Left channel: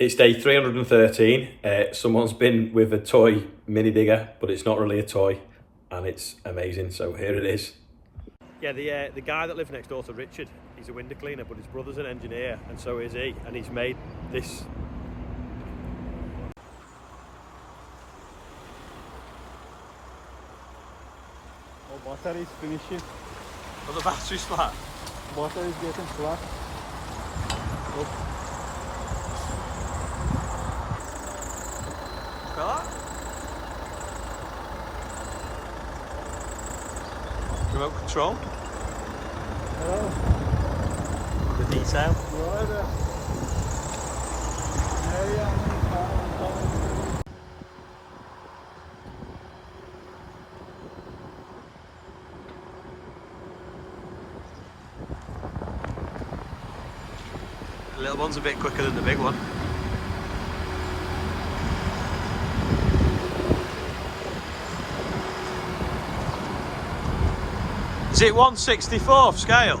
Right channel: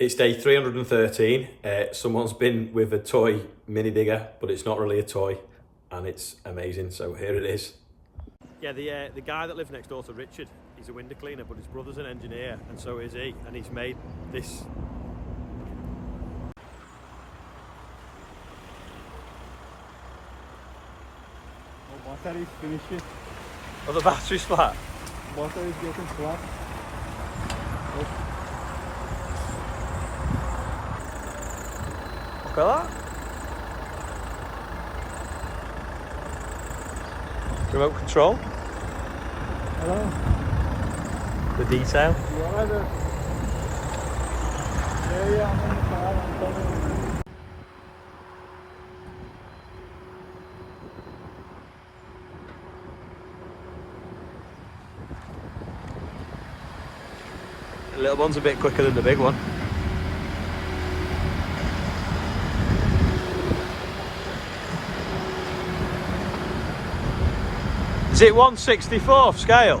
It's day 313. Someone's been with a toy mini digger, but it's not really a toy, and it's amazing. So here it is. Yeah, the guy that lives next door to Richard, he's a window cleaner, but his brother's an engineer, and so is he, and he's made this. Oh, battery's finishing. Oh, the battery's flat? Battery's getting flat. Look at that. Remote control. Hello. The detail. Yeah, the area. The little one's a bit quicker than the big one. Is it 1/64 scale?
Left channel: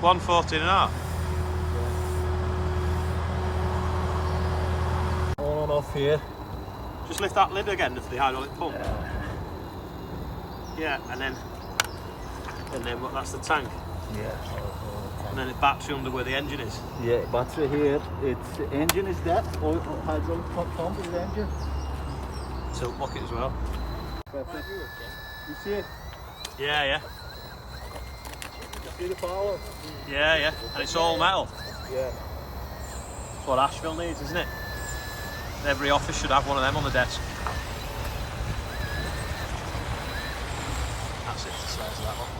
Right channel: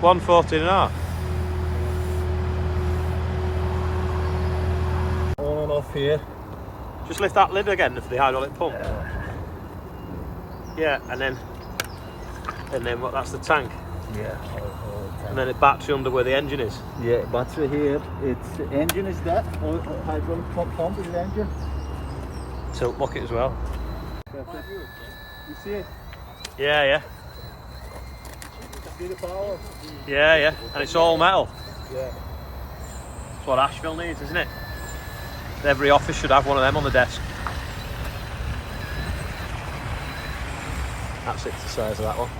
1/14 and a half. On and off here. Just lift that lid again for the hydraulic pump. Yeah, and then what? That's the tank. Yeah. And then the battery under where the engine is. Yeah, battery here. It's the engine is that. Or hydraulic pump is the engine. Tilt bucket as well. You see it? Yeah. You see the power? Yeah. And it's all metal. Yeah. That's what Asheville needs, isn't it? Every office should have one of them on the desk. That's it, the size of that one.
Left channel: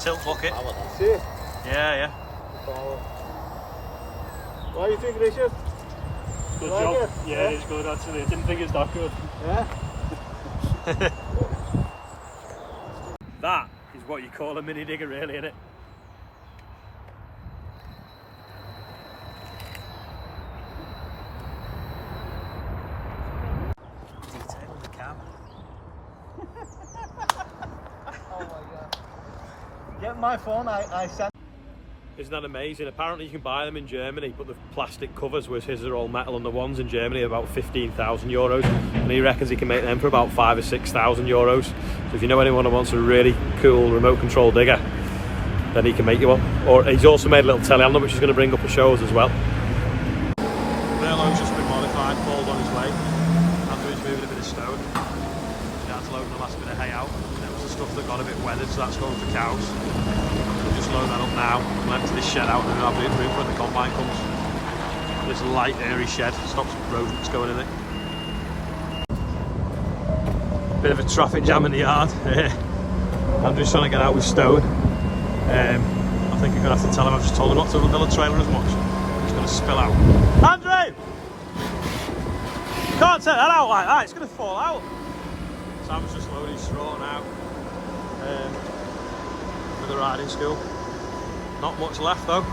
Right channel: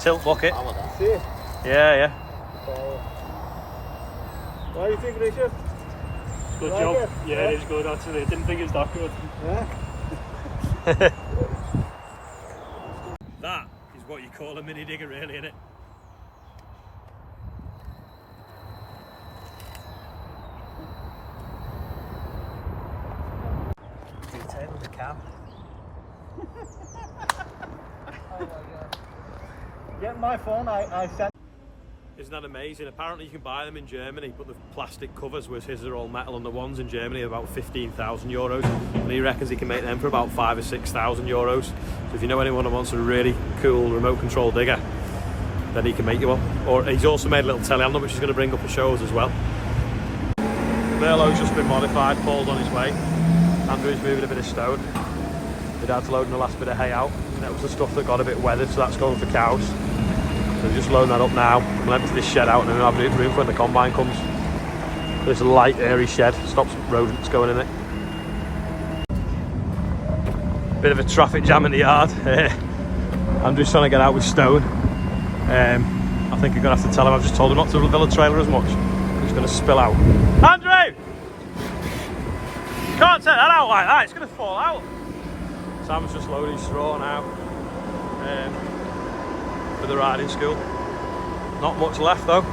Tilt bucket. See it? Yeah. The power. What do you think, Richard? Good job. Yeah, it is good actually. I didn't think it's that good. Yeah. That is what you call a mini digger, really, isn't it? Detail of the cab. Oh my God. Get my phone, I sent. Isn't that amazing? Apparently you can buy them in Germany, but the plastic covers, whereas his are all metal, and the ones in Germany are about 15,000 euros, and he reckons he can make them for about 5,000 or 6,000 euros. So if you know anyone who wants a really cool remote control digger, then he can make you one. Or he's also made a little telehandler, which he's going to bring up and show us as well. Burlow's just been modified, Paul's on his way. Andrew's moving a bit of stone. My dad's loading the last bit of hay out, and that was the stuff that got a bit weathered, so that's going for cows. So just loading that up now. We'll empty this shed out and then we'll have room for when the combine comes. This light, airy shed stops rodents going in it. Bit of a traffic jam in the yard. Andrew's trying to get out with stone. I think you're going to have to tell him I've just told him not to fill the trailer as much. It's going to spill out. Andrew! Can't take that out like that, it's going to fall out. Sam's just loading straw now. For the riding school. Not much left though.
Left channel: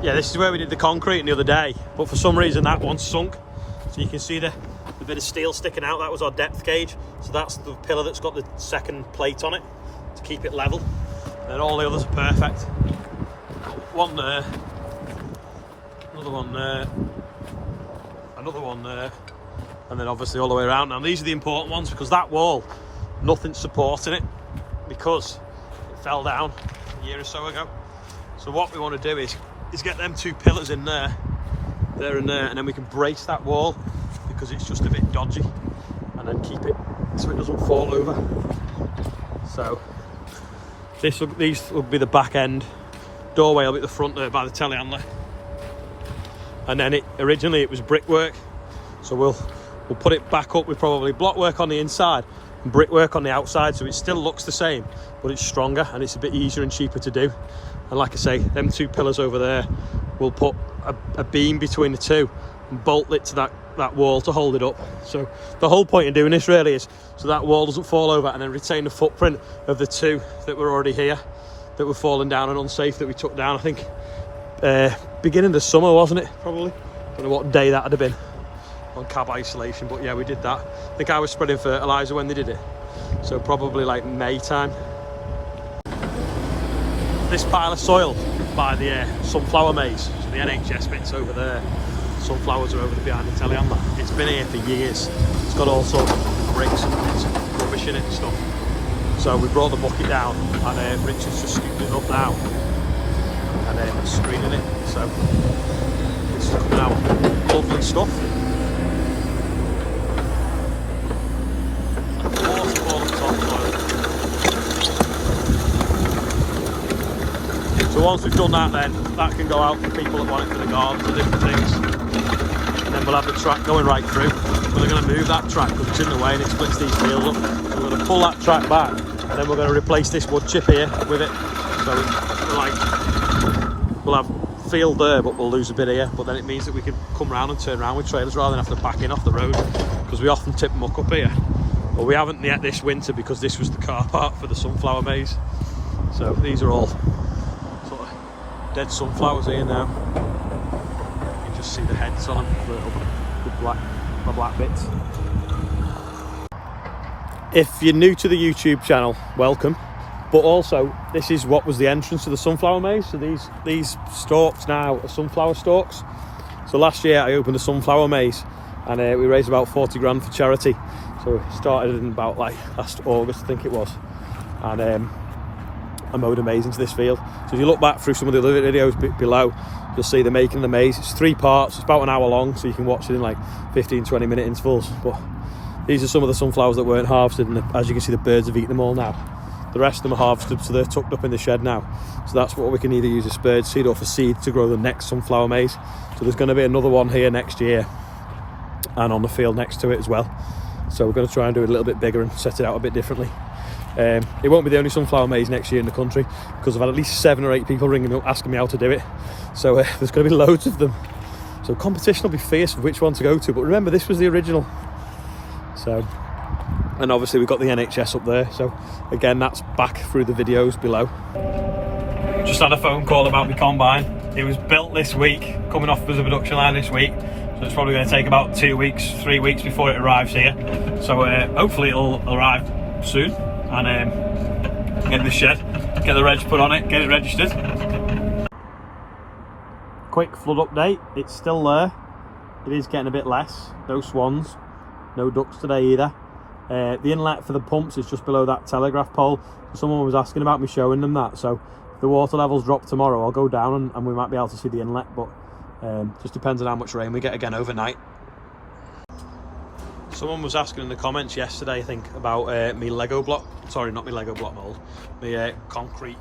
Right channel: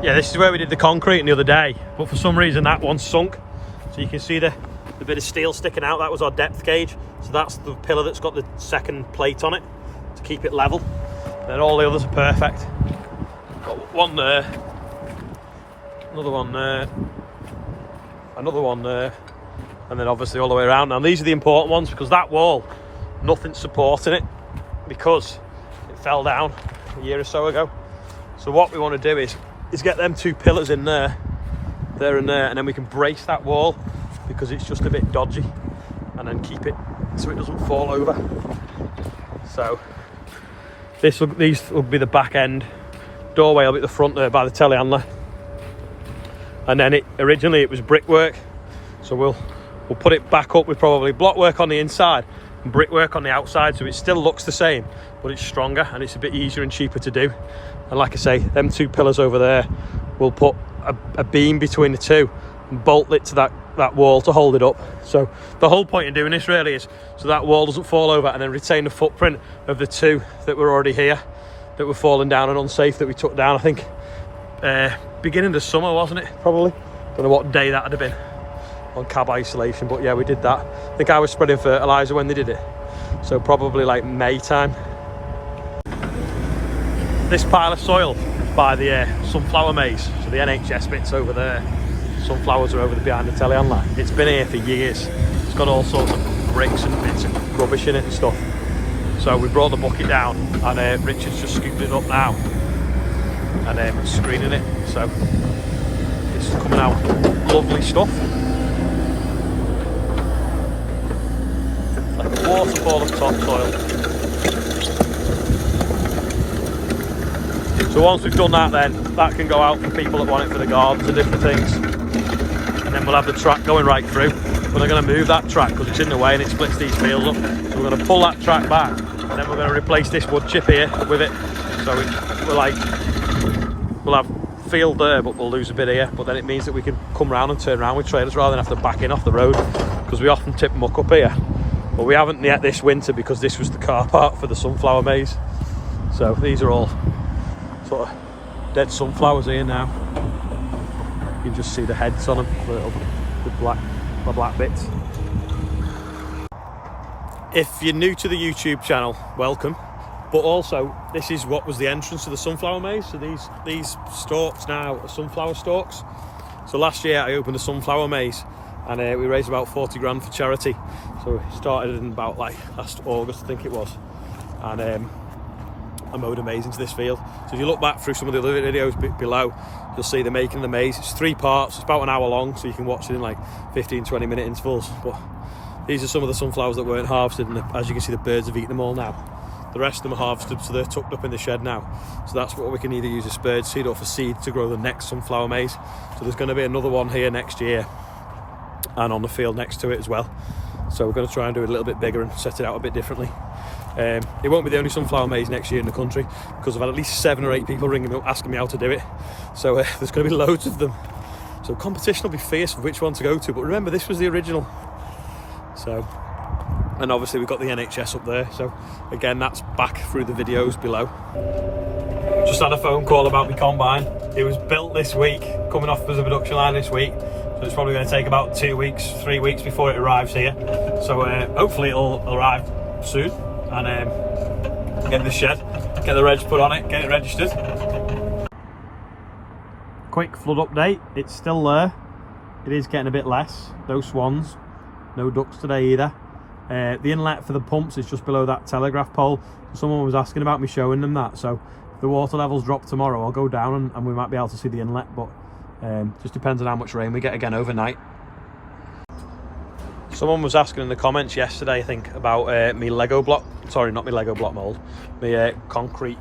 Yeah, this is where we did the concrete the other day, but for some reason that one's sunk. So you can see the bit of steel sticking out. That was our depth gauge. So that's the pillar that's got the second plate on it to keep it level. And then all the others are perfect. Got one there, another one there, another one there, and then obviously all the way around. Now these are the important ones because that wall, nothing's supporting it because it fell down a year or so ago. So what we want to do is get them two pillars in there and there, and then we can brace that wall because it's just a bit dodgy, and then keep it so it doesn't fall over. So these will be the back end. Doorway will be at the front there by the telehandler. And then originally it was brickwork, so we'll put it back up with probably block work on the inside and brickwork on the outside, so it still looks the same but it's stronger and it's a bit easier and cheaper to do. And like I say, them two pillars over there, we'll put a beam between the two and bolt it to that wall to hold it up. So the whole point in doing this really is so that wall doesn't fall over, and then retain the footprint of the two that were already here that were falling down and unsafe that we took down. I think beginning of summer, wasn't it? Probably. Don't know what day that would have been on cab isolation, but yeah, we did that. I think I was spreading fertilizer when they did it, so probably like May time. this pile of soil by the sunflower maze. So the NHS bit's over there. Sunflowers are over behind the telly on that. It's been here for years. It's got all sorts of bricks and bits of rubbish in it and stuff. So we brought the bucket down, and Richard's just scooped it up now and screening it. So it's coming out lovely stuff. Like waterfall of topsoil. So once we've done that, then that can go out for people that want it for the gardens and different things. And then we'll have the track going right through. But they're going to move that track because it's in the way and it splits these fields up. We're going to pull that track back, and then we're going to replace this wood chip here with it. So we'll have field there, but we'll lose a bit here. But then it means that we can come round and turn around with trailers rather than have to back in off the road, because we often tip muck up here. But we haven't yet this winter because this was the car park for the sunflower maze. So these are all sort of dead sunflowers here now. You can just see the heads on them, the black bits. If you're new to the YouTube channel, welcome. But also, this is what was the entrance to the sunflower maze. So these stalks now are sunflower stalks. So last year I opened a sunflower maze, and we raised about 40 grand for charity. So we started in about like last August, I think it was. And I mowed a maze into this field. So if you look back through some of the other videos below, you'll see the making of the maze. It's 3 parts, it's about an hour long, so you can watch it in like 15-20 minute intervals. But these are some of the sunflowers that weren't harvested, and as you can see, the birds have eaten them all now. The rest of them are harvested, so they're tucked up in the shed now. So that's what we can either use as bird seed or for seed to grow the next sunflower maze. So there's going to be another one here next year, and on the field next to it as well. So we're going to try and do it a little bit bigger and set it out a bit differently. It won't be the only sunflower maze next year in the country, because I've had at least 7 or 8 people ringing me up asking me how to do it. So there's going to be loads of them. So competition will be fierce of which one to go to. But remember, this was the original. So, and obviously we've got the NHS up there. So again, that's back through the videos below. Just had a phone call about my combine. It was built this week, coming off as a production line this week. So it's probably going to take about 2 weeks, 3 weeks before it arrives here. So hopefully it'll arrive soon. And get in the shed, get the reg put on it, get it registered. Quick flood update, it's still there. It is getting a bit less. No swans, no ducks today either. The inlet for the pumps is just below that telegraph pole. Someone was asking about me showing them that. So if the water levels drop tomorrow, I'll go down and we might be able to see the inlet. But just depends on how much rain we get again overnight. Someone was asking in the comments yesterday, I think, about me Lego block. Sorry, not my Lego block mould. My concrete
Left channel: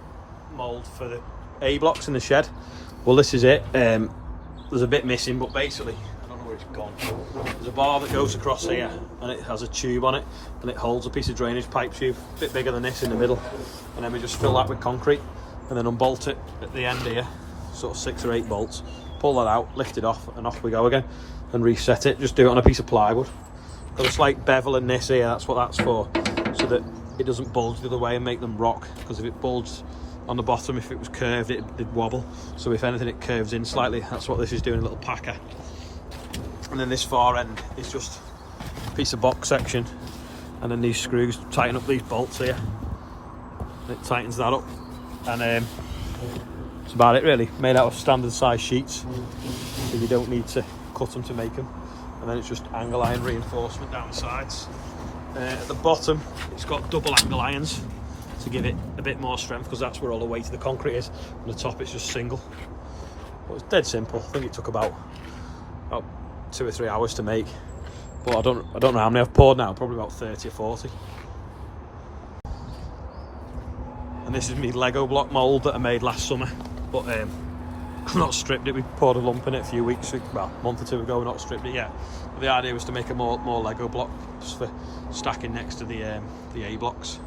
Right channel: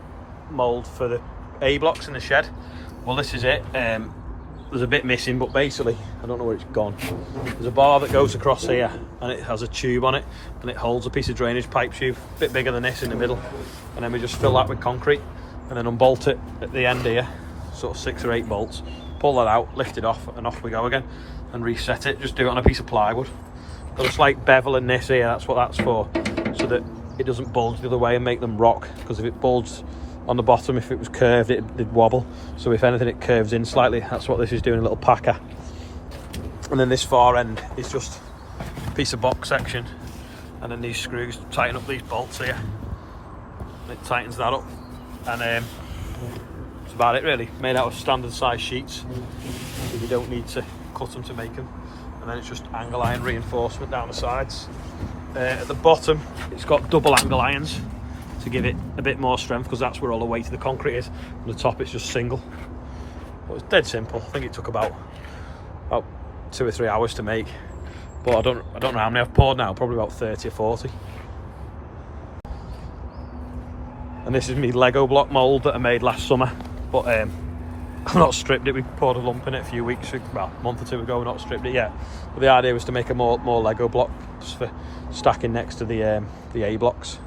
mould for the A blocks in the shed. Well, this is it. There's a bit missing, but basically, I don't know where it's gone. There's a bar that goes across here, and it has a tube on it, and it holds a piece of drainage pipe tube, a bit bigger than this in the middle. And then we just fill that with concrete, and then unbolt it at the end here, sort of 6 or 8 bolts. Pull that out, lift it off, and off we go again. And reset it. Just do it on a piece of plywood. Got a slight bevel in this here, that's what that's for, so that it doesn't bulge the other way and make them rock, because if it bulged on the bottom, if it was curved, it'd wobble. So if anything, it curves in slightly. That's what this is doing, a little packer. And then this far end is just a piece of box section, and then these screws tighten up these bolts here. It tightens that up, and that's about it really. Made out of standard size sheets, so you don't need to cut them to make them. And then it's just angle iron reinforcement down the sides. At the bottom, it's got double angle irons to give it a bit more strength, because that's where all the weight of the concrete is. On the top, it's just single. But it's dead simple. I think it took about 2 or 3 hours to make. But I don't know how many I've poured now. Probably about 30 or 40. And this is me Lego block mould that I made last summer. But I've not stripped it. We poured a lump in it a few weeks, well, a month or 2 ago. We've not stripped it yet. But the idea was to make more Lego blocks for stacking next to the A blocks.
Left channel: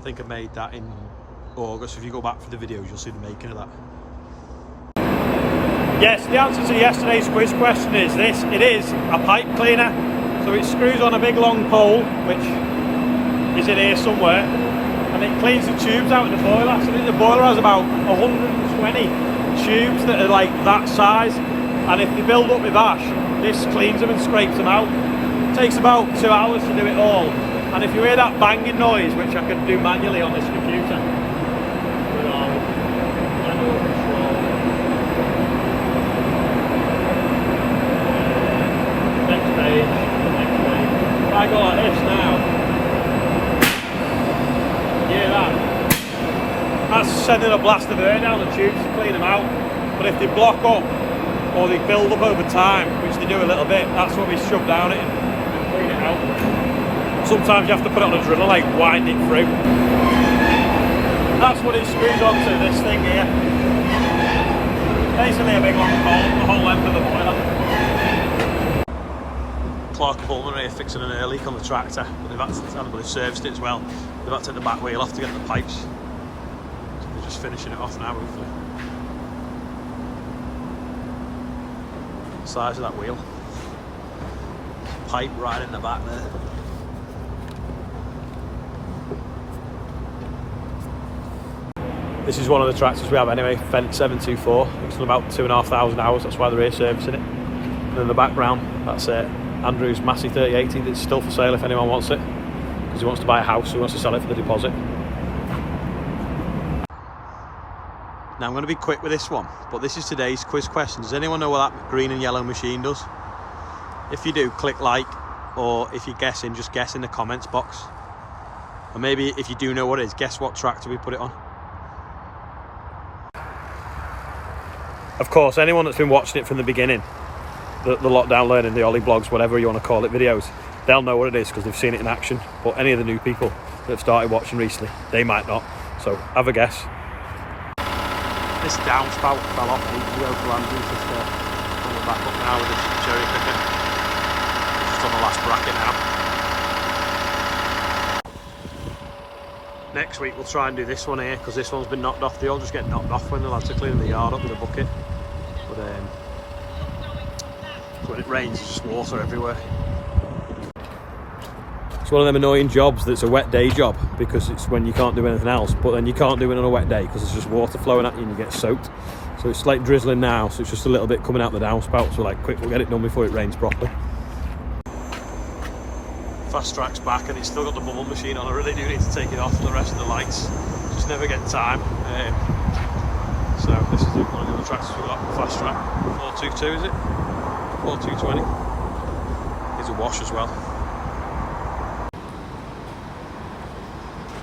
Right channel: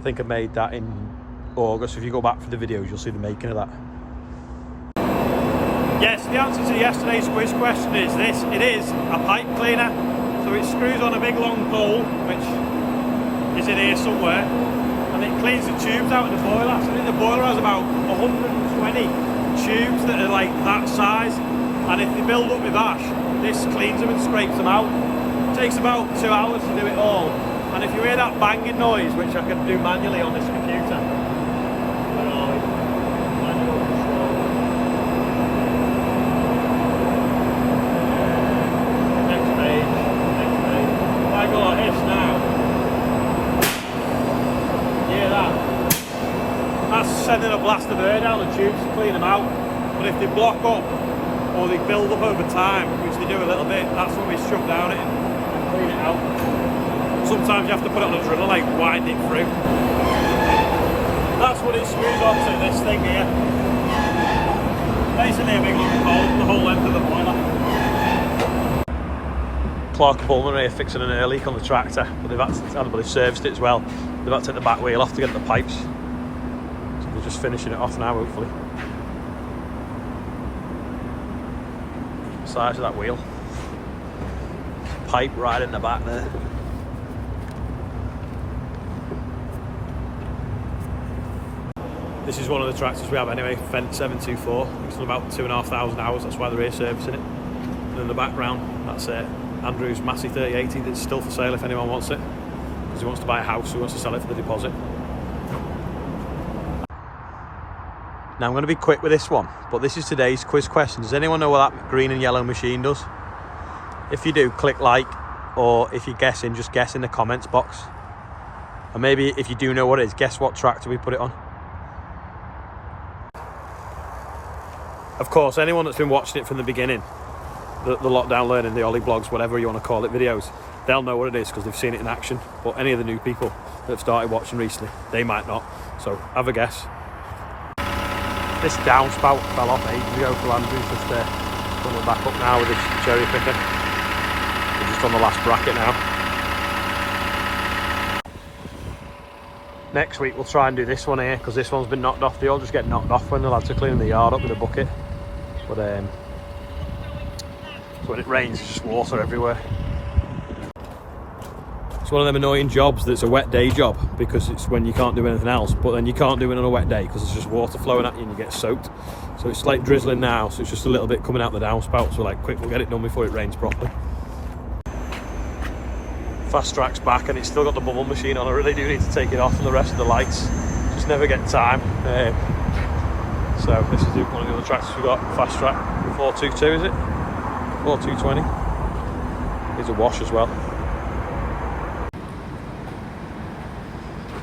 I think I made that in August. If you go back for the videos, you'll see the making of that. Yes, the answer to yesterday's quiz question is this. It is a pipe cleaner. So it screws on a big long pole, which is in here somewhere, and it cleans the tubes out of the boiler. So I think the boiler has about 120 tubes that are like that size, and if they build up with ash, this cleans them and scrapes them out. It takes about 2 hours to do it all, And if you hear that banging noise, which I can do manually on this computer, where are we? Manual control. Next page. If I go like this now, hear that? That's sending a blast of air down the tubes to clean them out. But if they block up or they build up over time, which they do a little bit, that's what we shove down it and clean it out. Sometimes you have to put it on a driller, like wind it through. That's what it screws onto, this thing here. Basically a big long hole, the whole length of the boiler. Clark and Bullman are fixing an air leak on the tractor, but they've serviced it as well. They've had to take the back wheel off to get the pipes. So they're just finishing it off now, hopefully. The size of that wheel. Pipe right in the back there. This is one of the tractors we have anyway, fendt 724. It's done about 2,500 hours, that's why they're here servicing it. And in the background, that's Andrew's Massey 3080 that's still for sale if anyone wants it. Because he wants to buy a house, so he wants to sell it for the deposit. Now I'm going to be quick with this one, but this is today's quiz question. Does anyone know what that green and yellow machine does? If you do, click like, or if you're guessing, just guess in the comments box. And maybe if you do know what it is, guess what tractor we put it on. Of course, anyone that's been watching it from the beginning, the lockdown learning, the Ollie blogs, whatever you want to call it, videos, they'll know what it is because they've seen it in action. But any of the new people that have started watching recently, they might not. So have a guess. This downspout fell off ages ago for Andrew's, just coming back up now with this cherry picker. It's on the last bracket now. Next week we'll try and do this one here because this one's been knocked off. They all just get knocked off when the lads are cleaning the yard up with a bucket. But when it rains, it's just water everywhere. It's one of them annoying jobs that's a wet day job because it's when you can't do anything else, but then you can't do it on a wet day because there's just water flowing at you and you get soaked. So it's like drizzling now, so it's just a little bit coming out the downspout. So like, quick, we'll get it done before it rains properly. Fast Track's back and it's still got the bubble machine on. I really do need to take it off and the rest of the lights. Just never get time. So this is one of the other tractors we've got, Fast Track 422, is it? 4220. Here's a wash as well.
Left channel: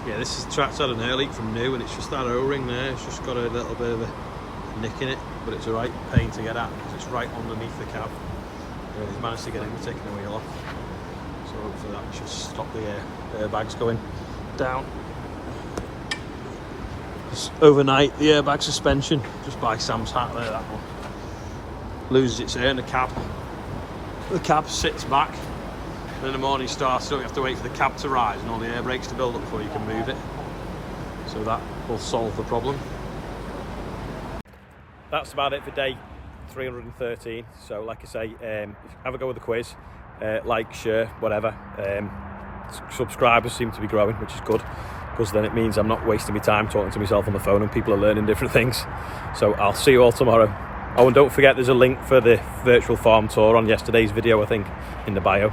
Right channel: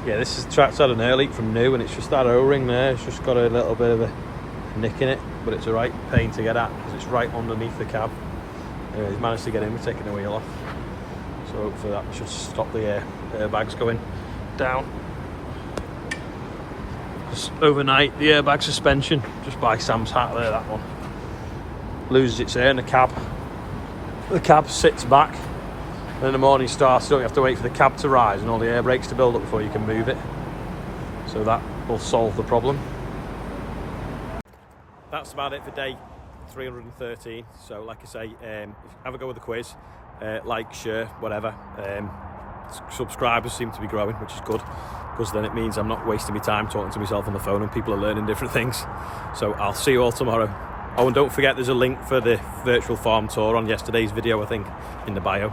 Yeah, this is the tractor had an air leak from new and it's just that O-ring there. It's just got a little bit of a nick in it, but it's a right pain to get at because it's right underneath the cab. He's managed to get in with taking the wheel off. So hopefully that should stop the airbags going down. Overnight, the airbag suspension, just by Sam's hat there, that one, loses its air in the cab. The cab sits back, and in the morning starts, don't you have to wait for the cab to rise and all the air brakes to build up before you can move it. So that will solve the problem. That's about it for day 313. So like I say, have a go with the quiz. Like, share, whatever. Subscribers seem to be growing, which is good because then it means I'm not wasting my time talking to myself on the phone and people are learning different things. So I'll see you all tomorrow. Oh, and don't forget there's a link for the virtual farm tour on yesterday's video, I think, in the bio.